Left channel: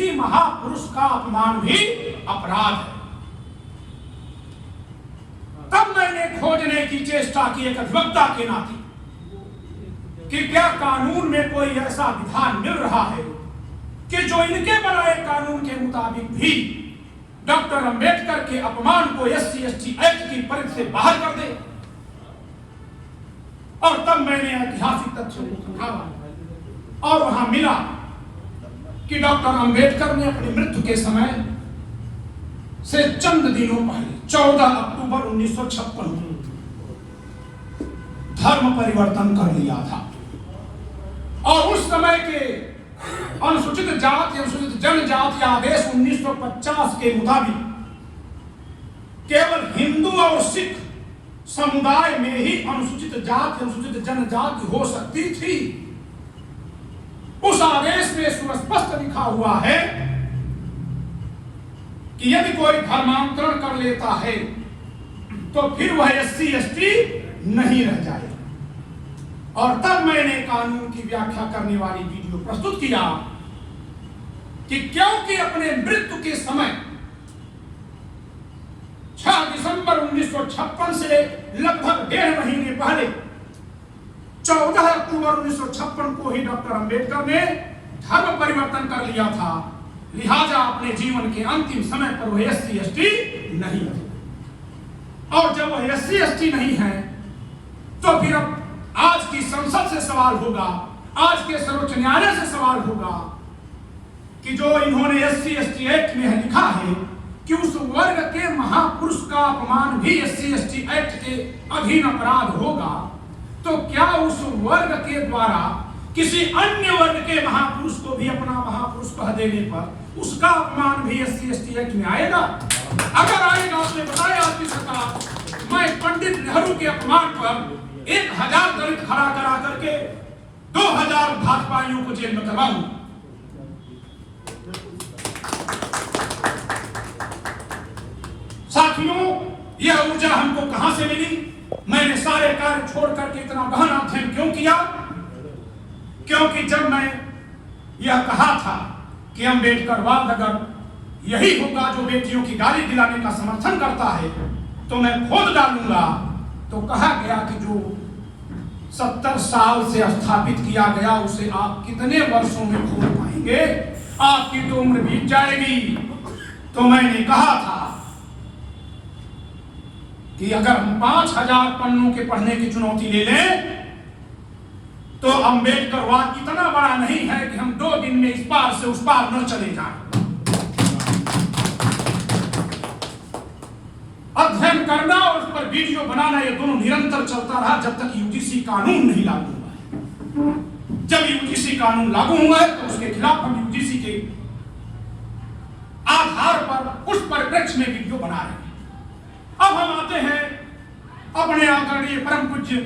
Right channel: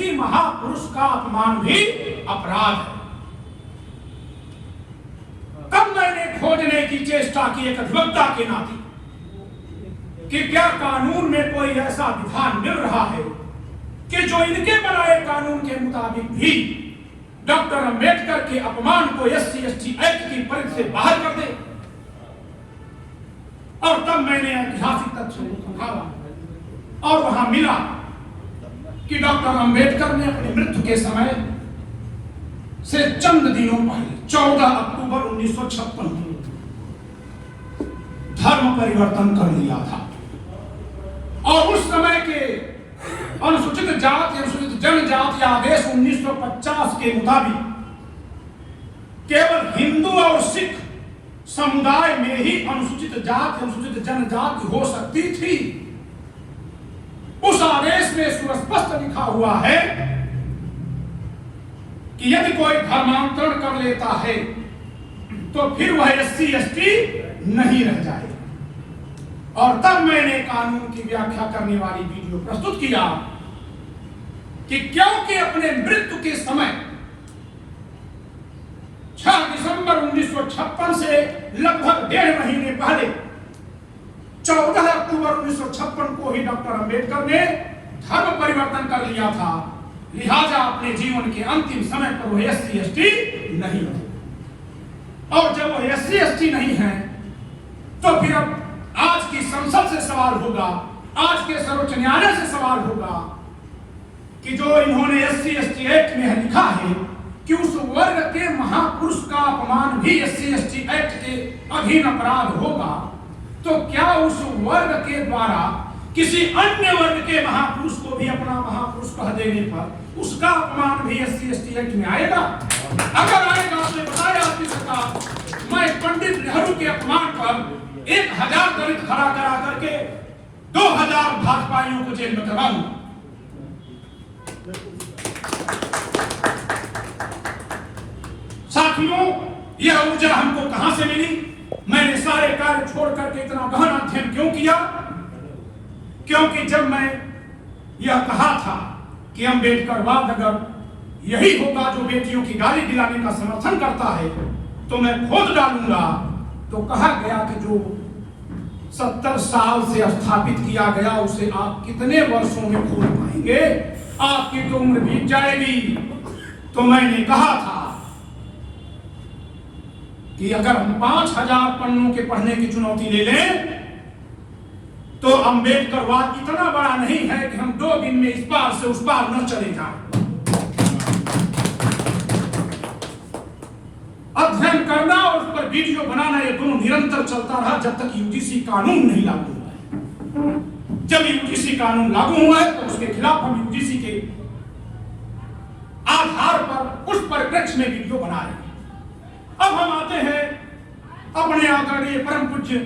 किसी महापुरुष का अपमान भी अपराध है। तब मैंने खोजने की चेष्टा की एक अधिवक्ता के नाते कि क्या कानून में कोई ऐसा विधान मिल रहा है कि जो इनके बनाए कानून के मुताबिक भी डॉक्टर अंबेडकर के अपमान को SC/ST एक्ट की परिधि से बाहर कर दे। और तब मैंने ऐतिहासिक तथ्यों को खंगाला और वहां मिला कि डॉक्टर अंबेडकर ने अपनी मृत्यु के समय से चंद दिनों पहले 14 अक्टूबर 1956 में धर्म परिवर्तन कर लिया था। और उस समय के अनुसूचित जाति अनुसूचित जनजाति आदेश 1950 के मुताबिक केवल हिंदू और सिख समुदाय में ही अनुसूचित जाति अनुसूचित जनजाति हो सकती थी। उस आदेश में सुस्पष्ट लिखा हुआ है कि यदि कोई धर्मांतरण कर लेता है तो फिर वह SC/ST नहीं रह जाए। और तब मैंने कानून की व्याख्या करने वाली वीडियो प्रस्तुत किया कि क्योंकि अपने मृत्यु के समय 6 दिसंबर 1956 से लगभग 1.5 महीने पहले 14 अक्टूबर 1956 को ही डॉक्टर अंबेडकर ने धर्म परिवर्तन कर लिया था, लिहाजा अपने जीवन के अंतिम समय पर वह SC/ST नहीं है। और जब वह SC/ST नहीं है तो फिर अब आज की संसद से सवाल होगा, आज के सर्वोच्च न्यायालय से सवाल होगा कि जो इन्होंने SC/ST एक्ट में लिखा है कि उस वर्ग के महापुरुष का अपमान भी SC/ST एक्ट के अधीन अपराध होगा, तो क्या उस वर्ग के द्वारा किसी अन्य वर्ग के महापुरुष को भी अपना महापुरुष कह देने पर उसका अपमान भी SC/ST एक्ट में आएगा? अगर आएगा तो बताया आपकी सरकार, मैं पंडित नेहरू के अपमान पर 1000 दलित खड़ा करा करके 2000 भाजपाइयों को जेल में करवाऊंगा। साथियों, यह ऊर्जा हमको कहां से मिली? मैंने सारे कार्य छोड़ करके इतना गहन अध्ययन क्यों किया? क्योंकि जब मैं यह कहा था कि अम्बेडकरवाद अगर यही होगा जो बेटियों की गाली दिलाने का समर्थन करता है तो मैं खोज डालूंगा, तो कहा गया कि जो 70 साल से स्थापित किया गया उसे आप कितने वर्षों में खोज पाएंगे? आपकी तो उम्र बीत जाएगी। तो मैंने कहा था कि अगर हम 5000 पन्नों के पढ़ने की चुनौती ले लें तो अम्बेडकरवाद इतना बड़ा नहीं है कि हम 2 दिन में इस पार से उस पार न चले जाएं। अध्ययन करना और उस पर वीडियो बनाना, ये दोनों निरंतर चलता रहा जब तक UGC कानून नहीं लागू हुआ। जब UGC कानून लागू हुआ है तो उसके खिलाफ हम UGC के आधार पर उस परिप्रेक्ष्य में वीडियो बना रहे हैं। अब हम आते हैं अपने आदरणीय परम पूज्य,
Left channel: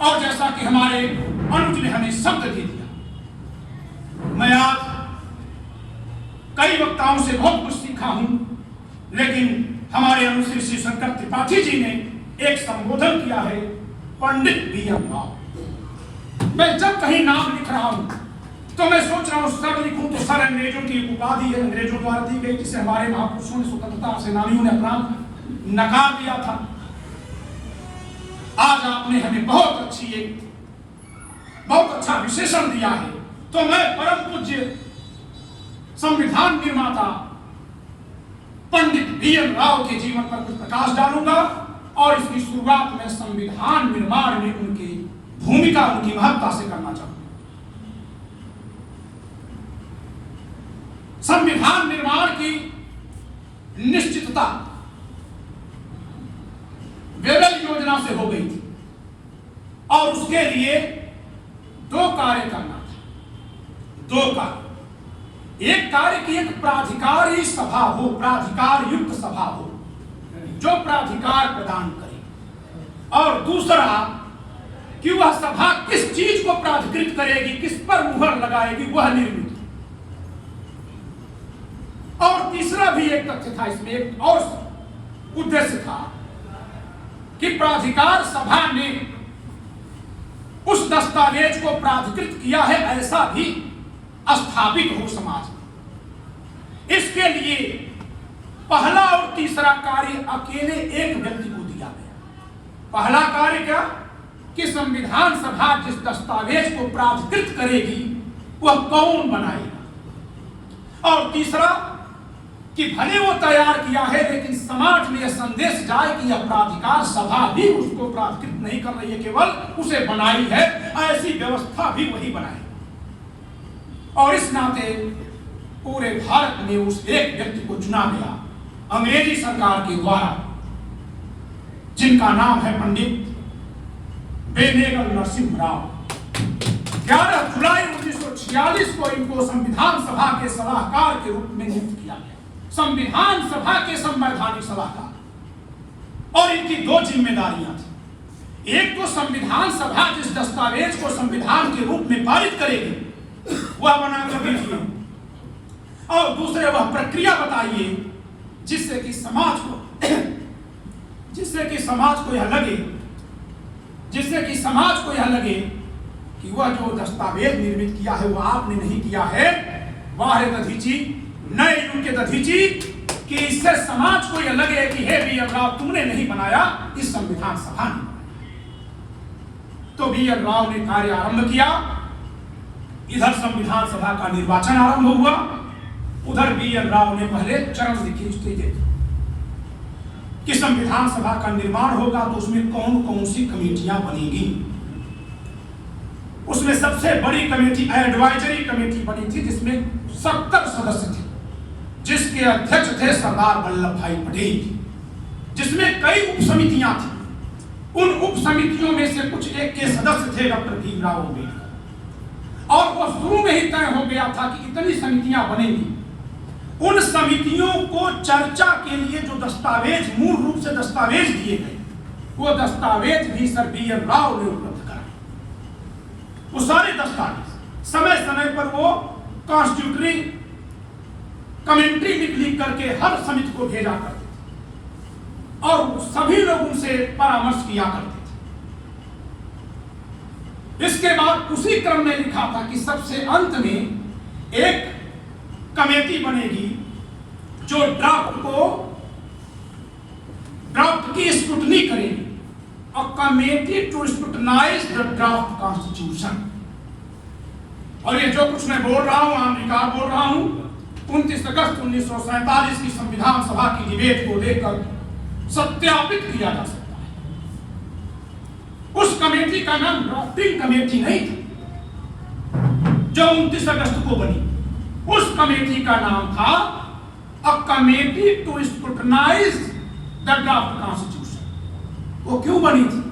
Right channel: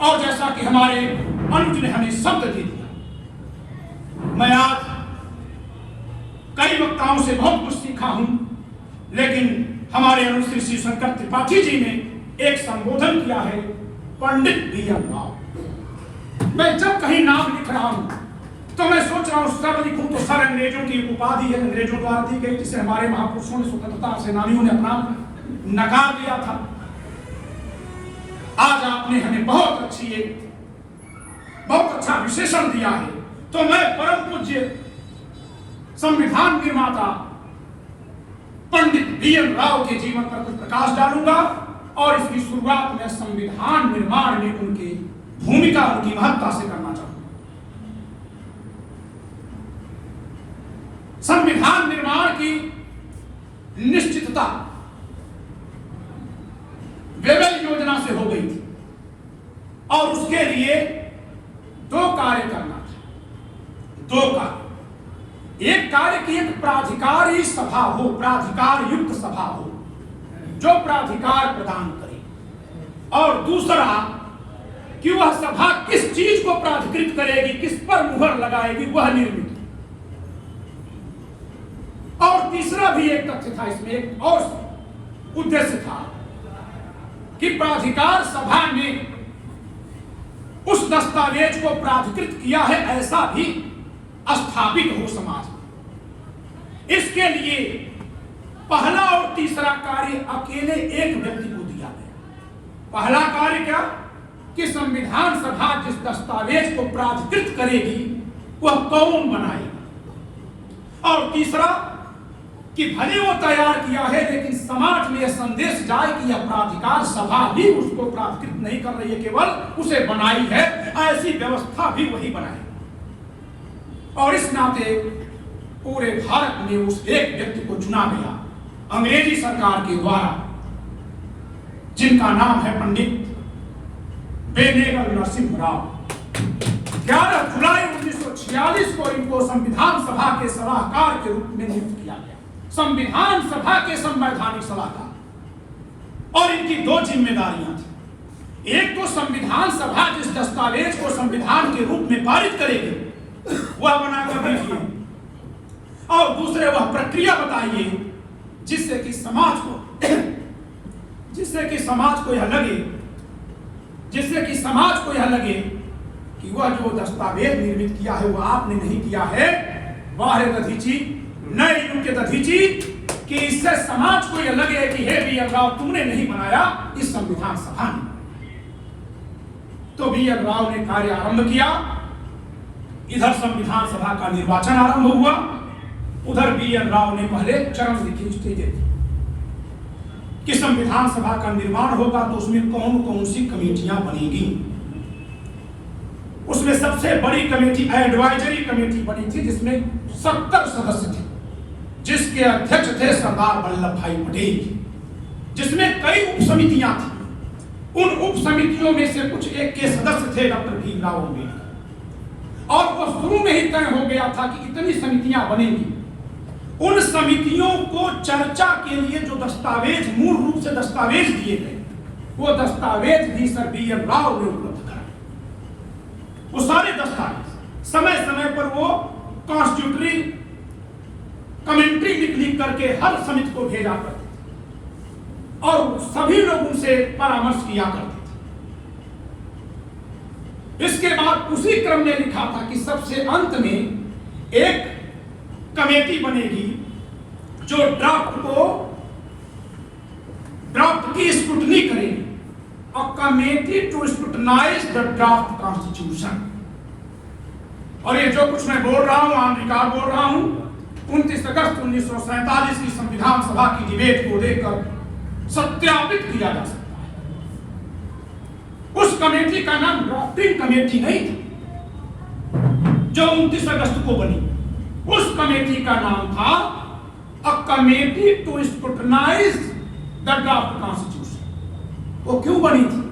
और जैसा कि हमारे अनुज ने हमें शब्द दे दिया, मैं आज कई वक्ताओं से बहुत कुछ सीखा हूं, लेकिन हमारे अनुश्री श्री शंकर त्रिपाठी जी ने एक संबोधन किया है, पंडित B.M. राव। मैं जब कहीं नाम लिख रहा हूं तो मैं सोच रहा हूं सर लिखूं तो सर अंग्रेजों की उपाधि है, अंग्रेजों द्वारा दी गई, जिसे हमारे महापुरुषों ने स्वतंत्रता सेनानियों ने अपना नकार दिया था। आज आपने हमें बहुत अच्छा विशेषण दिया है, तो मैं परम पूज्य संविधान निर्माता पंडित B.M. राव के जीवन पर कुछ प्रकाश डालूंगा और इसकी शुरुआत में संविधान निर्माण में उनकी भूमिका, उनकी महत्ता से करना चाहूंगा। संविधान निर्माण की निश्चितता वेबल योजना से हो गई थी और उसके लिए 2 कार्य करना था। 2 कार्य, एक कार्य की एक प्राधिकारी सभा हो, प्राधिकार युक्त सभा हो जो प्राधिकार प्रदान करे, और दूसरा कि वह सभा किस चीज को प्राधिकृत करेगी, किस पर मुहर लगाएगी, वह निर्मित। और तीसरा भी एक तथ्य था इसमें, एक और उद्देश्य था कि प्राधिकार सभा ने उस दस्तावेज को प्राधिकृत किया है ऐसा भी स्थापित हो समाज में। इसके लिए पहला और तीसरा कार्य अकेले एक व्यक्ति को दिया गया। पहला कार्य क्या कि संविधान सभा जिस दस्तावेज को प्राधिकृत करेगी वह कौन बनाएगा, और तीसरा कि भले वो तैयार किया है लेकिन समाज में यह संदेश जाए कि यह प्राधिकार सभा भी उसको प्राधिकृत नहीं कर रही है, केवल उसे बनाई है, ऐसी व्यवस्था भी वही बनाएगी। और इस नाते पूरे भारत में उस एक व्यक्ति को चुना गया अंग्रेजी सरकार के द्वारा, जिनका नाम है पंडित बेनेगल नरसिम्हा राव। 11 जुलाई 1946 को इनको संविधान सभा के सलाहकार के रूप में नियुक्त किया गया, संविधान सभा के संवैधानिक सलाहकार। और इनकी दो जिम्मेदारियां थी, एक तो संविधान सभा जिस दस्तावेज को संविधान के रूप में पारित करेगी वह बनाकर भेजिए, और दूसरे वह प्रक्रिया बताइए जिससे कि समाज को यह लगे कि वह जो दस्तावेज निर्मित किया है वह आपने नहीं किया है, बाहर दधीची नए युग के दधीची, कि इससे समाज को यह लगे कि हे बी एन राव तुमने नहीं बनाया, इस संविधान सभा ने। तो बी एन राव ने कार्य आरंभ किया। इधर संविधान सभा का निर्वाचन आरंभ हुआ, उधर बी एन राव ने पहले चरण लिखी स्टेज कि संविधान सभा का निर्माण होगा तो उसमें कौन कौन सी कमेटियां बनेगी। उसमें सबसे बड़ी कमेटी एडवाइजरी कमेटी बनी थी जिसमें 70 सदस्य थे, जिसके अध्यक्ष थे सरदार वल्लभ भाई पटेल, जिसमें कई उप समितियां थी। उन उप समितियों में से कुछ एक के सदस्य थे डॉक्टर भीमराव अम्बेडकर, और वो शुरू में ही तय हो गया था कि इतनी समितियां बनेंगी। उन समितियों को चर्चा के लिए जो दस्तावेज मूल रूप से दस्तावेज दिए गए, वो दस्तावेज भी सर बी एन राव ने उपलब्ध कराए। वो सारे दस्तावेज समय समय पर वो कॉन्स्टिट्यूटरी कमेंट्री लिख करके हर समिति को भेजा करते थे, और सभी लोग उनसे परामर्श किया करते थे। इसके बाद उसी क्रम में लिखा था कि सबसे अंत में एक कमेटी बनेगी जो ड्राफ्ट की स्क्रूटनी करेगी, और committee to scrutinise the draft constitution. और ये जो कुछ मैं बोल रहा हूं आम विकार बोल रहा हूं, 29 अगस्त 1947 की संविधान सभा की डिबेट को लेकर सत्यापित किया जा सकता है। उस कमेटी का नाम ड्राफ्टिंग कमेटी नहीं थी जो 29 अगस्त को बनी, उस कमेटी का नाम था a committee to scrutinise the draft constitution. वो क्यों बनी थी?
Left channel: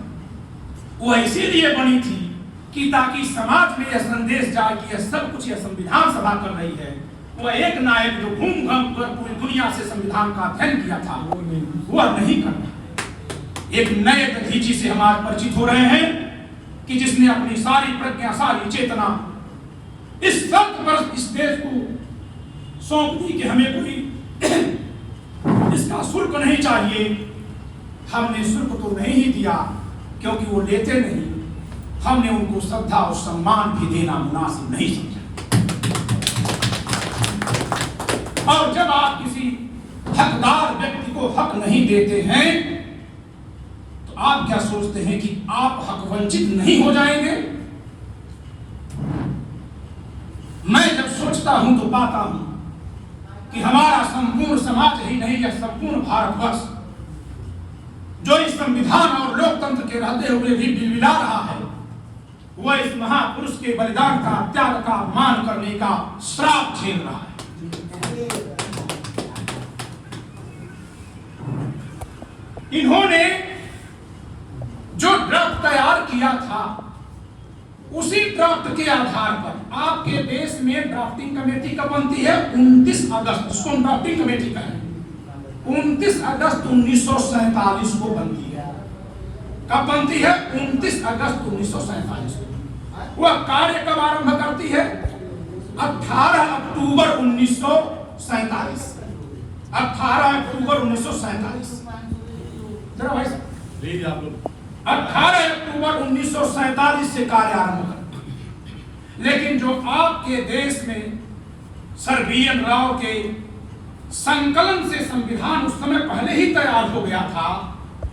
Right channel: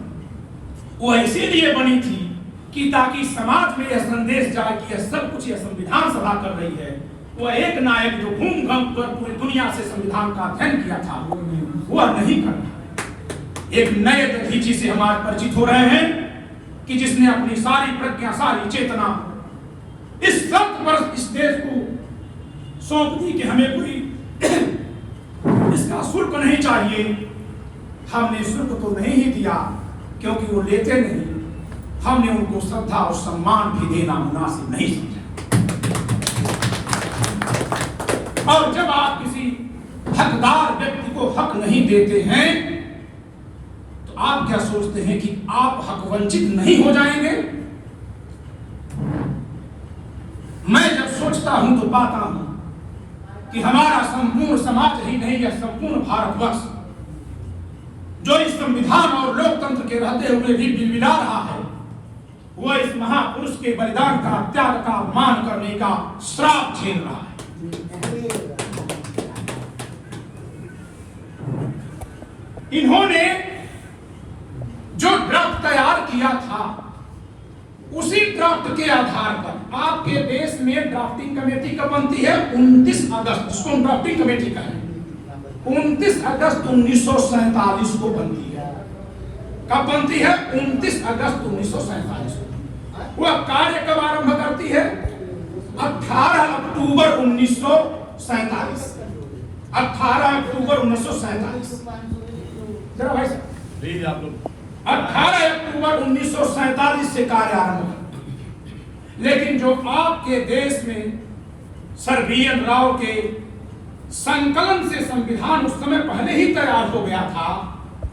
वो इसीलिए बनी थी कि ताकि समाज में यह संदेश जाए कि यह सब कुछ यह संविधान सभा कर रही है। वह एक नायक जो घूम घाम कर पूरी दुनिया से संविधान का अध्ययन किया था वह नहीं करता। एक नए दधीची से हम आज परिचित हो रहे हैं कि जिसने अपनी सारी प्रज्ञा सारी चेतना इस शर्त पर इस देश को सौंप दी कि हमें कोई इसका शुल्क नहीं चाहिए। हमने शुल्क तो नहीं ही दिया क्योंकि वो लेते नहीं, हमने उनको श्रद्धा और सम्मान भी देना मुनासिब नहीं समझा। और जब आप किसी हकदार व्यक्ति को हक नहीं देते हैं तो आप क्या सोचते हैं कि आप हक वंचित नहीं हो जाएंगे? मैं जब सोचता हूं तो पाता हूं कि हमारा संपूर्ण समाज ही नहीं, यह संपूर्ण भारतवर्ष जो इस संविधान और लोकतंत्र के रहते हुए भी बिलबिला रहा है, वह इस महापुरुष के बलिदान का त्याग का अपमान करने का श्राप झेल रहा है। इन्होंने जो ड्राफ्ट तैयार किया था उसी ड्राफ्ट के आधार पर आपके देश में ड्राफ्टिंग कमेटी कब बनती है? 29 अगस्त, उसको ड्राफ्टिंग कमेटी का है 29 अगस्त 1947 को बनती है। कब बनती है? 29 अगस्त 1947 को। वह कार्य कब आरंभ करती है? 18 अक्टूबर 1947। 18 अक्टूबर 1947। जरा भाई साहब आप लोग 18 अक्टूबर 1947 से कार्य आरंभ। लेकिन जो आपके देश में सर बी एन राव के संकलन से संविधान उस समय पहले ही तैयार हो गया था,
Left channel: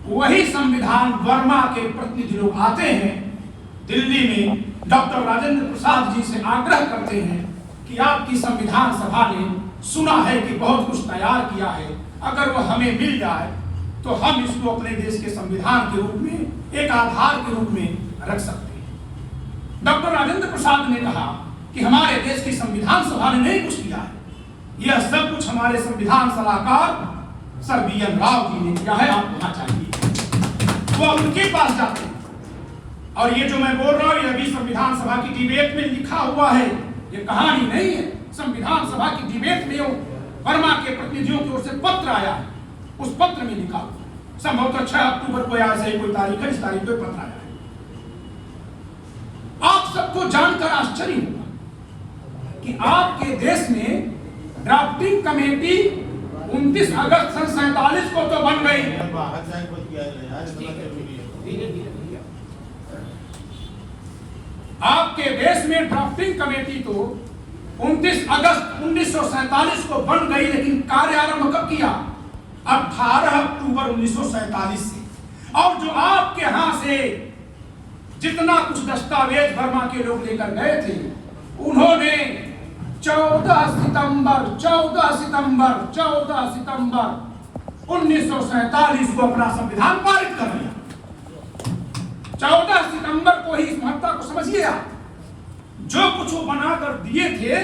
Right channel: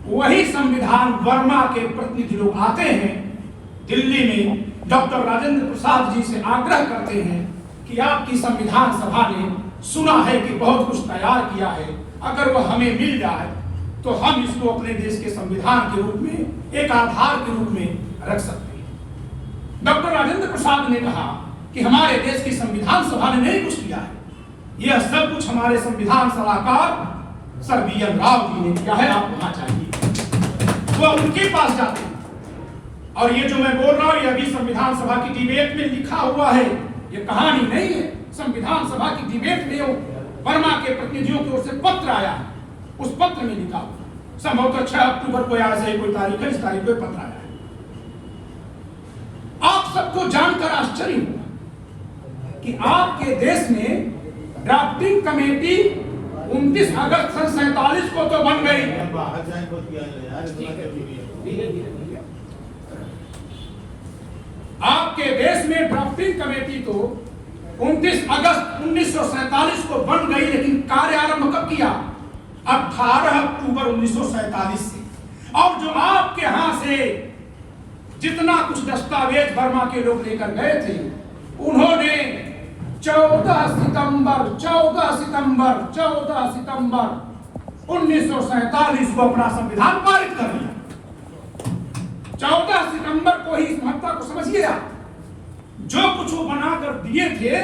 वही संविधान वर्मा के प्रतिनिधि लोग आते हैं दिल्ली में, डॉक्टर राजेंद्र प्रसाद जी से आग्रह करते हैं कि आपकी संविधान सभा ने सुना है कि बहुत कुछ तैयार किया है, अगर वह हमें मिल जाए तो हम इसको अपने देश के संविधान के रूप में, एक आधार के रूप में रख सकते हैं। डॉक्टर राजेंद्र प्रसाद ने कहा कि हमारे देश की संविधान सभा ने नहीं कुछ किया है, यह सब कुछ हमारे संविधान सलाहकार सर बी.एन. राव जी ने किया है, आप वहां चाहिए। वह उनके पास जाते हैं और ये जो मैं बोल रहा हूं, यह भी संविधान सभा की डिबेट में लिखा हुआ है, ये कहानी नहीं है। संविधान सभा की डिबेट में वर्मा के प्रतिनिधियों की ओर से पत्र आया है, उस पत्र में लिखा संभवतः 6 अक्टूबर को या ऐसे कोई तारीख है, इस तारीख को पत्र आया है। आप सबको जानकर आश्चर्य होगा कि आपके देश में ड्राफ्टिंग कमेटी 29 अगस्त सन 47 को तो बन गई। आपके देश में ड्राफ्टिंग कमेटी तो 29 अगस्त 1947 को बन गई, लेकिन कार्य आरंभ कब किया? 18 अक्टूबर 1947 से। और जो आपके यहां से जितना कुछ दस्तावेज वर्मा के लोग लेकर गए थे, उन्होंने 14 सितंबर 1947 को अपना संविधान पारित कर दिया। 14 सितंबर को ही इस महत्ता को समझ लिया। जो कुछ वो बनाकर दिए थे,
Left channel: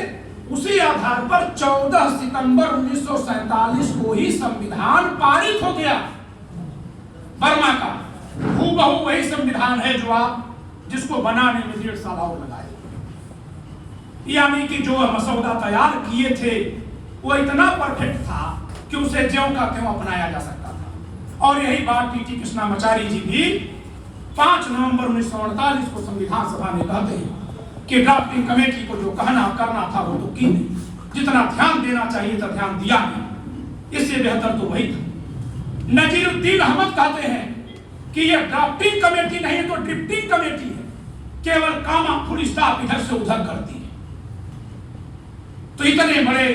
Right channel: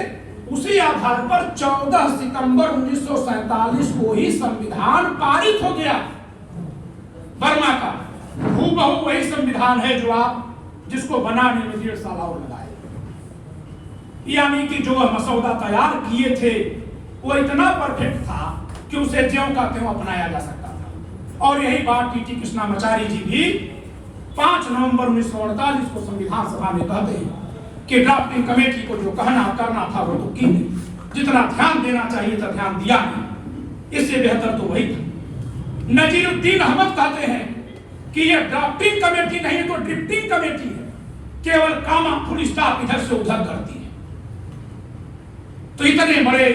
उसी आधार पर 14 सितंबर 1947 को ही संविधान पारित हो गया वर्मा का। हूबहू वही संविधान है जो आप जिसको बनाने में 1.5 साल और लगाए, यानी कि जो मसौदा तैयार किए थे वो इतना परफेक्ट था कि उसे ज्यों का त्यों अपनाया जा सकता था। और यही बात टी.टी. कृष्णामाचारी जी भी 5 नवंबर 1948 को संविधान सभा में कहते हैं कि ड्राफ्टिंग कमेटी को जो कहना करना था वो तो की नहीं, जितना ध्यान देना चाहिए था ध्यान दिया नहीं, इससे बेहतर तो वही था। नजीरुद्दीन अहमद कहते हैं कि यह ड्राफ्टिंग कमेटी नहीं तो ड्रिफ्टिंग कमेटी है, केवल कामा फुल स्टॉप इधर से उधर करती है। तो इतने बड़े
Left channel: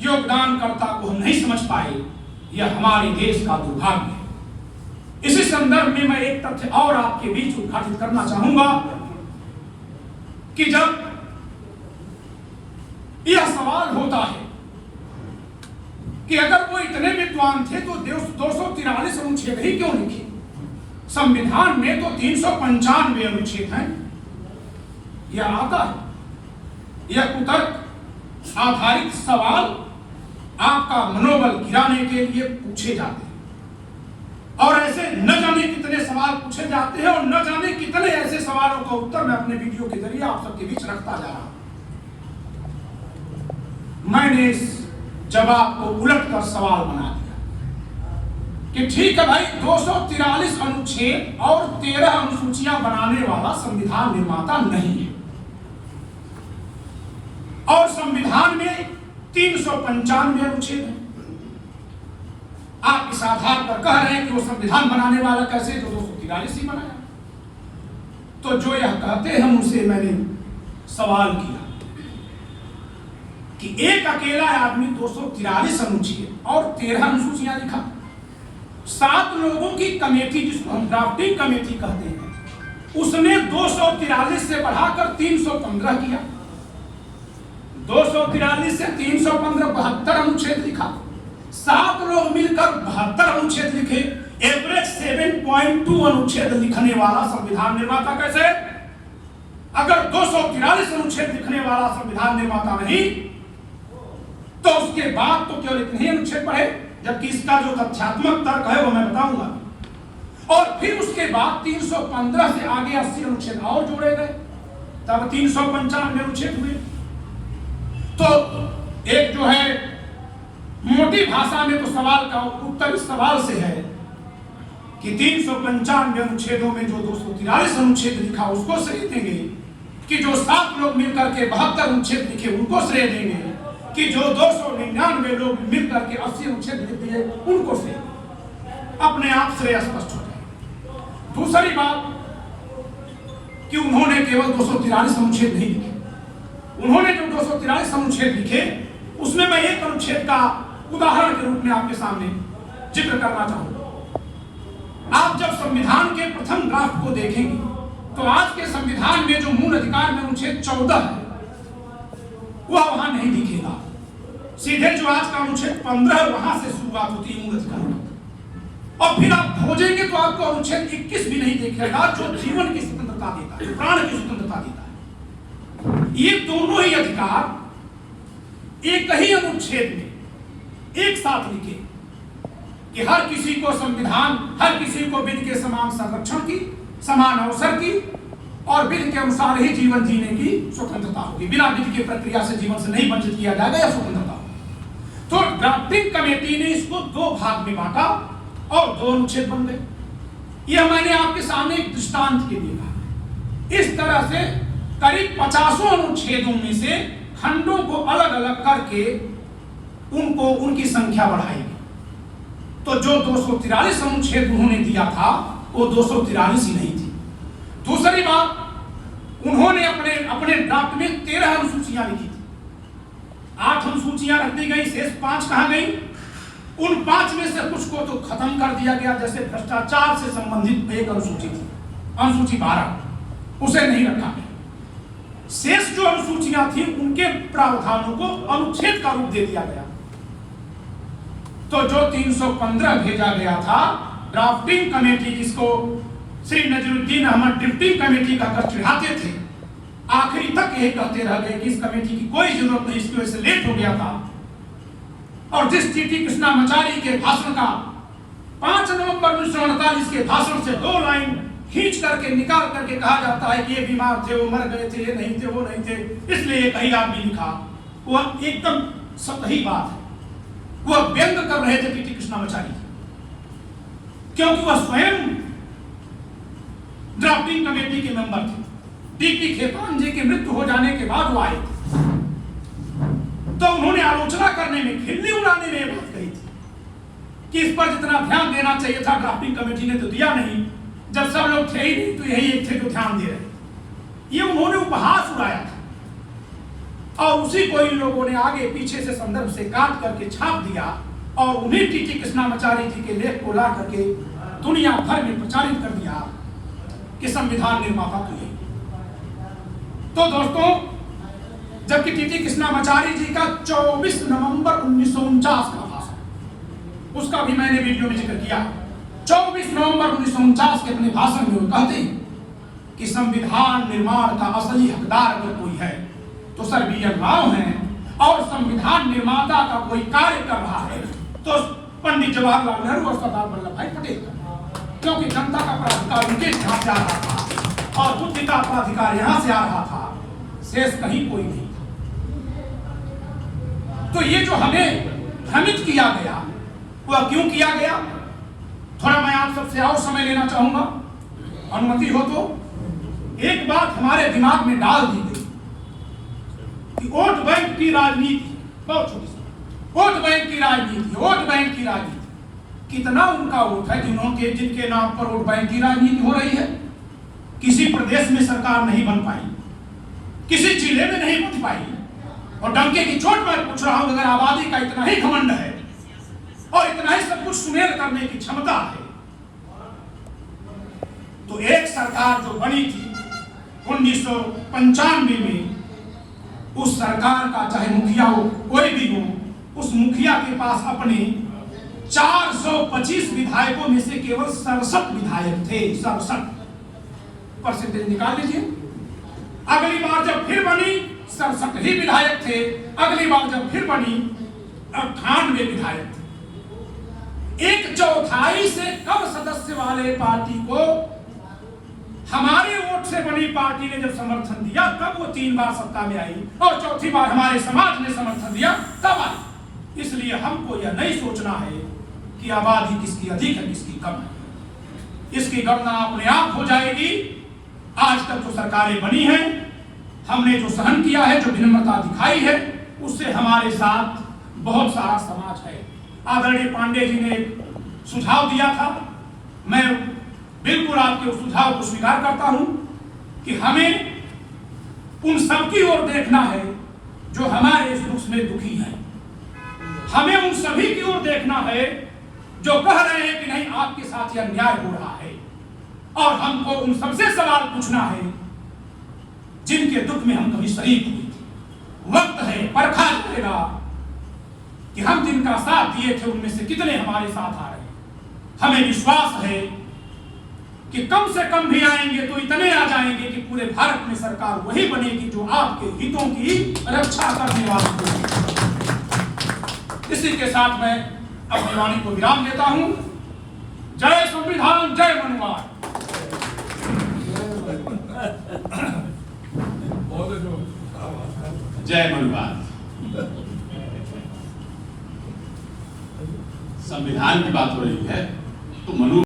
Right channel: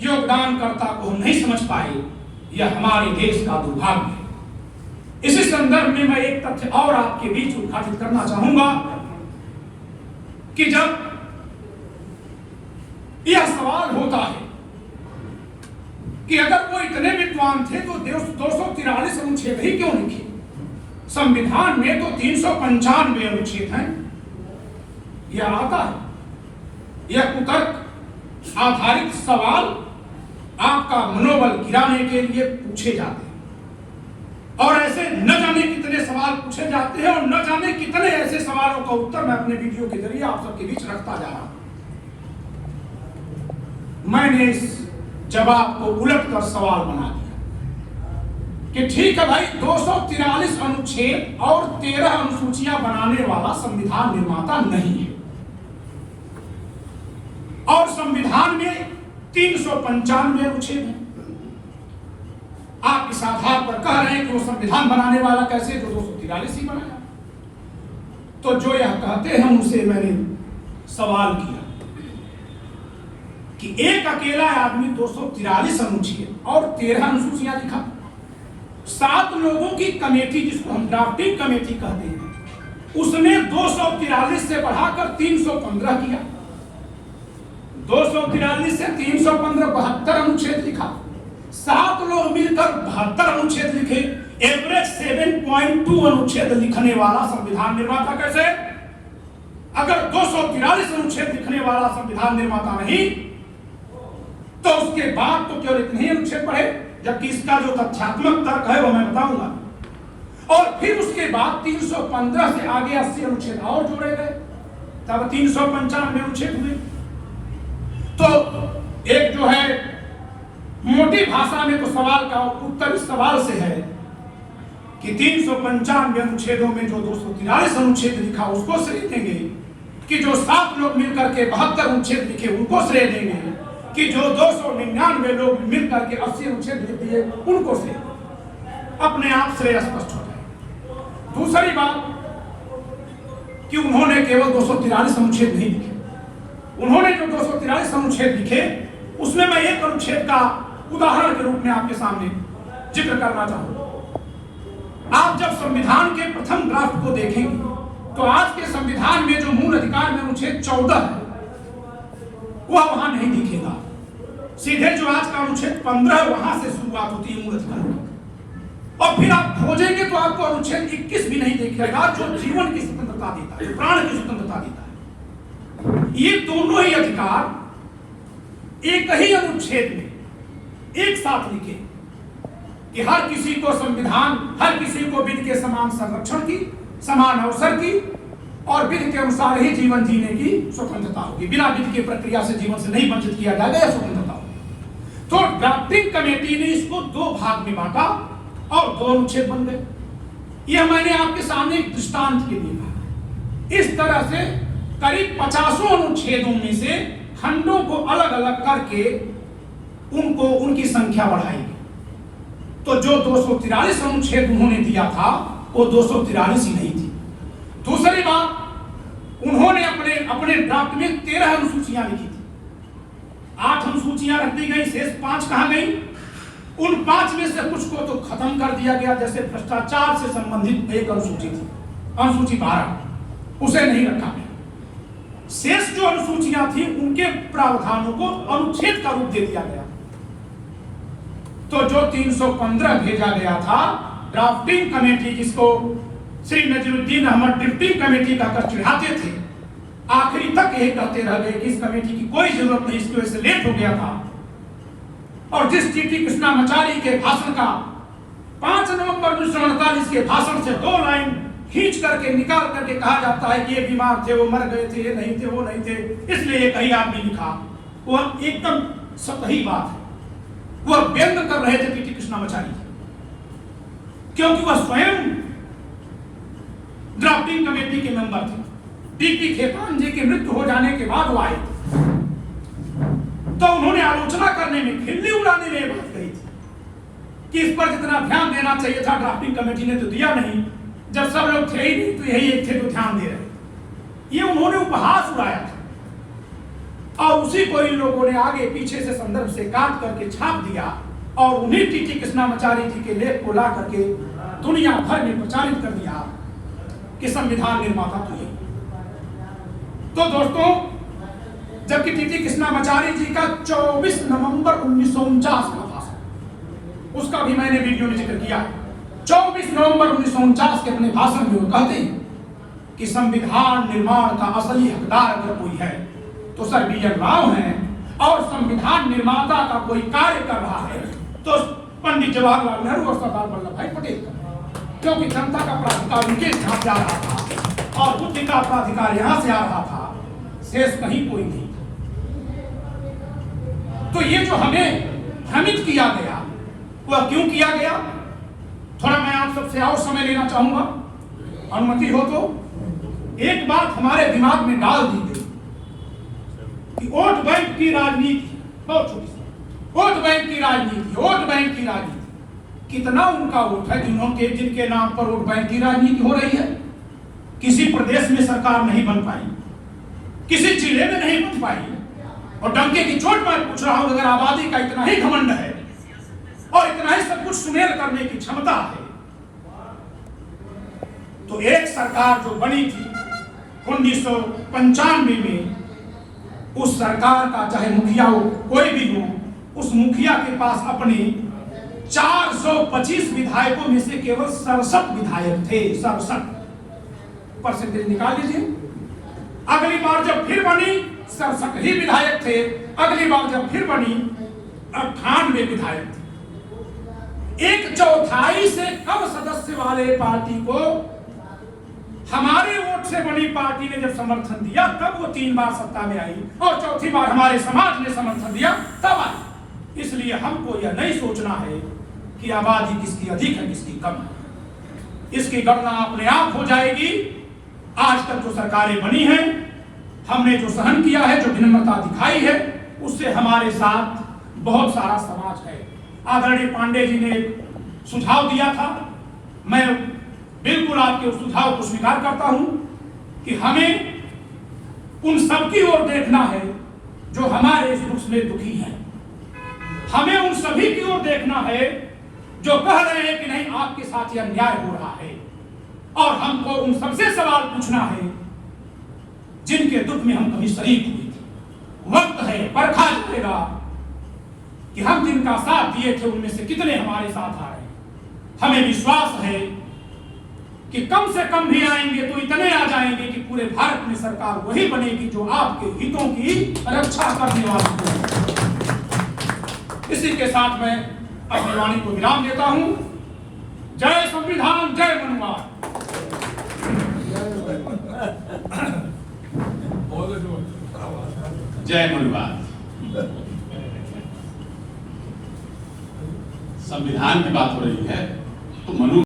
योगदानकर्ता को हम नहीं समझ पाए, यह हमारे देश का दुर्भाग्य है। इसी संदर्भ में मैं एक तथ्य और आपके बीच उद्घाटित करना चाहूंगा कि जब यह सवाल होता है कि अगर वो इतने विद्वान थे तो 243 अनुच्छेद ही क्यों लिखे? संविधान में तो 395 अनुच्छेद हैं। यह आता है, यह कुतर्क आधारित सवाल आपका मनोबल गिराने के लिए पूछे जाते हैं, और ऐसे न जाने कितने सवाल पूछे जाते हैं, और न जाने कितने ऐसे सवालों का उत्तर मैं अपने वीडियो के जरिए आप सबके बीच रखता जा रहा हूं। मैंने इस जवाब को उलट कर सवाल बना दिया कि ठीक है भाई, 243 अनुच्छेद और 13 अनुसूचियां बनाने वाला संविधान निर्माता नहीं है, और संविधान में 395 अनुच्छेद हैं। आप इस आधार पर कह रहे हैं कि वो संविधान बनाने वाला कैसे, जो 243 ही बनाया। तो जो यह कहते हैं उनसे मैंने सवाल किया कि एक अकेला आदमी 243 अनुच्छेद और 13 अनुसूचियां लिखा, 7 लोगों की कमेटी जिसको हम ड्राफ्टिंग कमेटी कहते हैं, उसने 243 से बढ़ाकर 315 किया, 243 से 315 72 अनुच्छेद लिखा। 7 लोग मिलकर 72 अनुच्छेद लिखे। एवरेज 7.2 अनुच्छेद लिखने वाला संविधान निर्माता कैसे? अगर 243 अनुच्छेद लिखने वाला संविधान निर्माता नहीं, तो उसके बाद तो केवल इतने अनुच्छेद पढ़े, जबकि इसका जो तथ्यात्मक तर्क है वो मैं बताऊंगा। और फिर उसके बाद 315 से आगे 80 अनुच्छेद और जोड़े गए, तब 395 अनुच्छेद हुए। तो एक जो है मोटी भाषा में तो सवाल का उत्तर इस सवाल से है कि 395 अनुच्छेदों में जो 243 अनुच्छेद लिखा उसको श्रेय देंगे, कि जो 7 लोग मिलकर के 72 अनुच्छेद लिखे उनको श्रेय देंगे, कि जो 299 लोग मिलकर के 80 अनुच्छेद लिख दिए उनको श्रेय। अपने आप श्रेय स्पष्ट हो गया। दूसरी बात कि उन्होंने केवल 243 अनुच्छेद नहीं लिखे, उन्होंने जो 243 अनुच्छेद लिखे उसमें मैं एक अनुच्छेद का उदाहरण के रूप में आपके सामने जिक्र करना चाहूंगा। आप जब संविधान के प्रथम ड्राफ्ट को देखेंगे तो आज के संविधान में जो मूल अधिकार में अनुच्छेद 14 है वह वहां नहीं दिखेगा। सीधे जो आज का अनुच्छेद 15 वहां से शुरुआत होती है मूल अधिकार, और फिर आप खोजेंगे तो आपको अनुच्छेद 21 भी नहीं दिखेगा जो जीवन की स्वतंत्रता देता है, प्राण की स्वतंत्रता देता है। ये दोनों ही अधिकार एक ही अनुच्छेद में एक साथ लिखे कि हर किसी को संविधान, हर किसी को विधि के समान संरक्षण की, समान अवसर की और विधि के अनुसार ही जीवन जीने की स्वतंत्रता होगी। बिना विधि की प्रक्रिया से जीवन से नहीं वंचित किया जाएगा, यह स्वतंत्रता होगी। तो ड्राफ्टिंग कमेटी ने इसको दो भाग में बांटा और दो अनुच्छेद बन गए। यह मैंने आपके सामने एक दृष्टांत के लिए कहा। इस तरह से करीब 50 अनुच्छेदों में से खंडों को अलग अलग करके उनको उनकी संख्या बढ़ाई। तो जो 243 अनुच्छेद उन्होंने दिया था वो 243 ही नहीं थी। दूसरी बात, उन्होंने अपने ड्राफ्ट में 13 अनुसूचियां लिखी थी। 8 अनुसूचियां रख दी गई, शेष 5 कहां गई? उन 5 में से कुछ को तो खत्म कर दिया गया, जैसे भ्रष्टाचार से संबंधित एक अनुसूची थी, अनुसूची 12, उसे नहीं रखा गया। शेष जो अनुसूचियां थी उनके प्रावधानों को अनुच्छेद का रूप दे दिया गया। तो जो 315 भेजा गया था ड्राफ्टिंग कमेटी, जिसको श्री नजरुद्दीन अहमद ड्राफ्टिंग कमेटी का कर चिढ़ाते थे, आखिरी तक यही कहते रह गए कि इस कमेटी की कोई जरूरत नहीं, इसकी वजह से लेट हो गया था। और जिस टीटी कृष्णामाचारी के भाषण का 5 नवंबर 1948 के भाषण से 2 लाइन खींच करके निकाल करके कहा जाता है कि ये बीमार थे, वो मर गए थे, ये नहीं थे, वो नहीं थे, इसलिए ये कहीं आदमी लिखा, वह एकदम सही बात है। वह व्यंग कर रहे थे टीटी कृष्णामाचारी, क्योंकि वह स्वयं ड्राफ्टिंग कमेटी के मेंबर थे। डीपी खेतान जी की मृत्यु हो जाने के बाद वो आए, तो उन्होंने आलोचना करने में, खिल्ली उड़ाने में बात कही थी कि इस पर जितना ध्यान देना चाहिए था ड्राफ्टिंग कमेटी ने तो दिया नहीं, जब सब लोग थे ही नहीं तो यही एक थे जो ध्यान दे रहे। ये उन्होंने उपहास उड़ाया था और उसी को इन लोगों ने आगे पीछे से संदर्भ से काट करके छाप दिया और उन्हीं टीटी कृष्णामाचारी जी के लेख को ला करके दुनिया भर में प्रचारित कर दिया कि संविधान निर्माता तो ये। तो दोस्तों, जबकि टीटी कृष्णामाचारी जी का 24 नवंबर 1949 का भाषण, उसका भी मैंने वीडियो में जिक्र किया। 24 नवंबर 1949 के अपने भाषण में वो कहते हैं कि संविधान निर्माण का असली हकदार अगर कोई है तो सर बी.एन. राव हैं, और संविधान निर्माता का कोई कार्य कर रहा है तो पंडित जवाहरलाल नेहरू और सरदार वल्लभ भाई पटेल का, क्योंकि जनता का प्राधिकार उनके यहाँ से आ रहा था और बुद्धि का प्राधिकार यहाँ से आ रहा था, शेष कहीं कोई नहीं। तो ये जो हमें भ्रमित किया गया वह क्यों किया गया? थोड़ा मैं आप सबसे और समय लेना चाहूंगा, अनुमति हो तो। एक बात हमारे दिमाग में डाल दी गई कि वोट बैंक की राजनीति, बहुत छोटी सी, वोट बैंक की राजनीति, वोट बैंक की राजनीति। कितना उनका वोट है जिनके नाम पर वोट बैंक की राजनीति हो रही है? किसी प्रदेश में सरकार नहीं बन पाई, किसी जिले में नहीं बन पाई, और डंके की चोट मैं पूछ रहा हूं, अगर आबादी का इतना ही घमंड है और इतना ही सब कुछ सुमेल करने की क्षमता है, तो एक सरकार जो बनी थी 1995 में, उस सरकार का चाहे मुखिया हो कोई भी हो, उस मुखिया के पास अपने 425 विधायकों में से केवल 67 विधायक थे। 67 परसेंटेज निकाल लीजिए। अगली बार जब फिर बनी 67 ही विधायक थे, अगली बार जब फिर बनी 98 विधायक थे। 1/4 से कम सदस्य वाले पार्टी को हमारे वोट से बनी पार्टी ने जब समर्थन दिया तब वो 3 बार सत्ता में आई, और चौथी बार हमारे समाज ने समर्थन दिया तब आई। इसलिए हमको यह नहीं सोचना है कि आबादी किसकी अधिक है किसकी कम है, इसकी गणना अपने आप हो जाएगी। आज तक जो सरकारें बनी हैं, हमने जो सहन किया है, जो विनम्रता दिखाई है, उससे हमारे साथ बहुत सारा समाज है। आदरणीय पांडे जी ने सुझाव दिया था, मैं बिल्कुल आपके उस सुझाव को स्वीकार करता हूं कि हमें उन सबकी ओर देखना है जो हमारे इस दुख में दुखी हैं। हमें उन सभी की ओर देखना है जो कह रहे हैं कि नहीं आपके साथ यह अन्याय हो रहा है, और हमको उन सबसे सवाल पूछना है जिनके दुख में हम कभी शरीक हुए थे। वक्त है, परखा जाएगा कि हम जिनका साथ दिए थे उनमें से कितने हमारे साथ आए। हमें विश्वास है कि कम से कम भी आएंगे तो इतने आ जाएंगे कि पूरे भारत में सरकार वही बनेगी जो आपके हितों की रक्षा करने वाली है। इसी के साथ मैं अपनी वाणी को विराम देता हूं। जय संविधान, जय मनुवाद। जय मनुवाद। संविधान की बात हो रही है,